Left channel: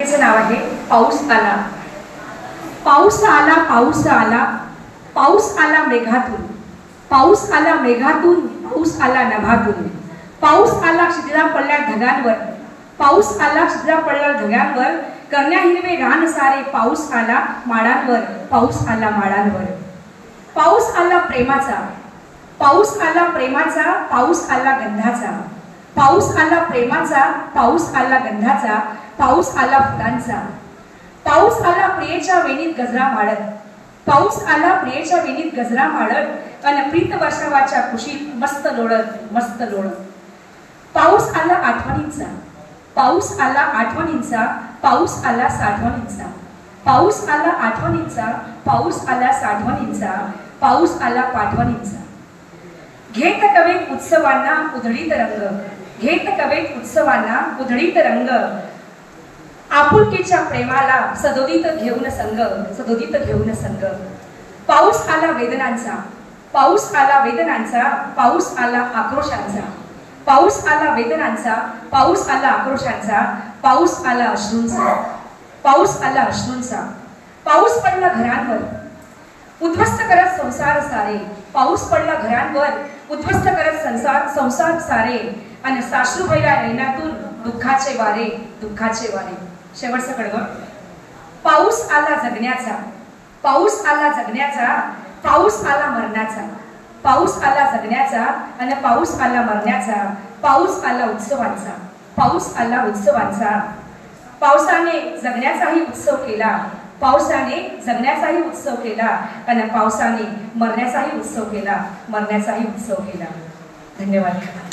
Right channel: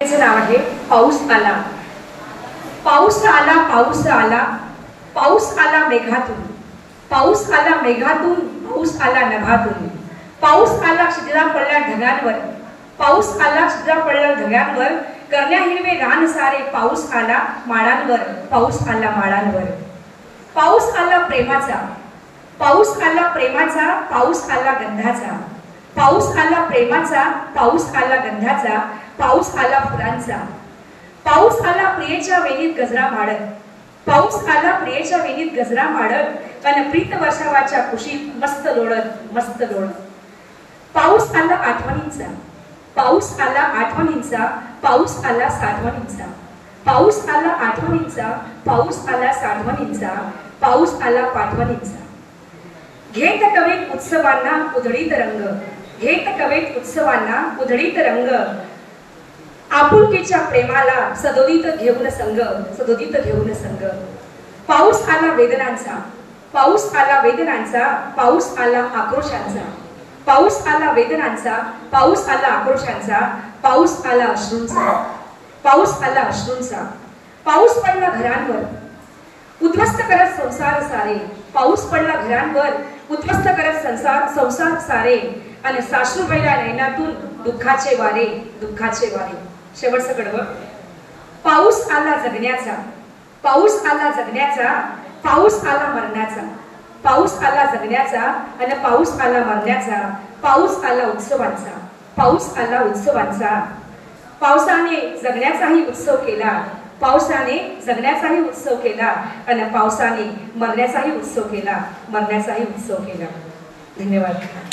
नाव आहे पाऊस आला। पाऊस आला, पाऊस आला, पाऊस आला मेघातून, पाऊस आला मेघातून, पाऊस आला नभातून, पाऊस आला शिजला पडल्या ढगांवर, पाऊस आला शिजला पडल्या ढगांवर, करण्या हिरवे रान सारे, पाऊस आला माळांवर, पाऊस आला माळांवर। पाऊस आला प्रेमाचा, पाऊस आला प्रेमाचा, पाऊस आला गंधाचा, पाऊस आला प्रेमाचा, पाऊस आला गंधाचा, पाऊस आला फुलांचा, पाऊस आला प्रियेच्या वेणीत गजरा माडत, पाऊस आला प्रियेच्या वेणीत गजरा माडत, अन प्रीत वर्षावाच्या कुशीत मस्त लोळत मस्त लोळत। पाऊस आला आठवणींचा, पाऊस आला आठवणींचा, पाऊस आला साठवणींचा, पाऊस आला आठवणींचा, पाऊस आला साठवणींचा, पाऊस आला पाठवणींचा। घेत कवेत उत्सवांना उधळीत रंग, घेत कवेत उत्सवांना उधळीत रंग, आपुलकीच्या प्रेमाला सदोदित घेऊन संग, सदोदित घेऊन संग। पाऊस आला वेदनांचा, पाऊस आला वेदनांचा, पाऊस आला आक्रोशांचा, पाऊस आला वेदनांचा, पाऊस आला आक्रोशांचा, पाऊस आला अश्रूंचा, पाऊस आला अश्रूंचा। पाऊस पडला घरांवर उद्ध्वस्त करत संसार सारे, पाऊस पडला घरांवर उद्ध्वस्त करत संसार सारे, आणि साश्रू पहिल्या नैनातून दुःखाचे वारे, दुःखाचे वारे। शेवटचं कडवं। पाऊस आला जगण्याचा, पाऊस आला जगण्याचा, पाऊस आला मरण्याचा, पाऊस आला जगण्याचा, आणि पाऊस आला मरण्याचा, पाऊस आला उत्सवांचा, पाऊस आला उत्सवांचा। पावसाने जगण्याचाही उत्सव केला, पावसाने जगण्याचाही उत्सव केला, आणि पावसाने मरण्याचाही उत्सव केला, मरण्याचाही उत्सव केला। धन्यवाद।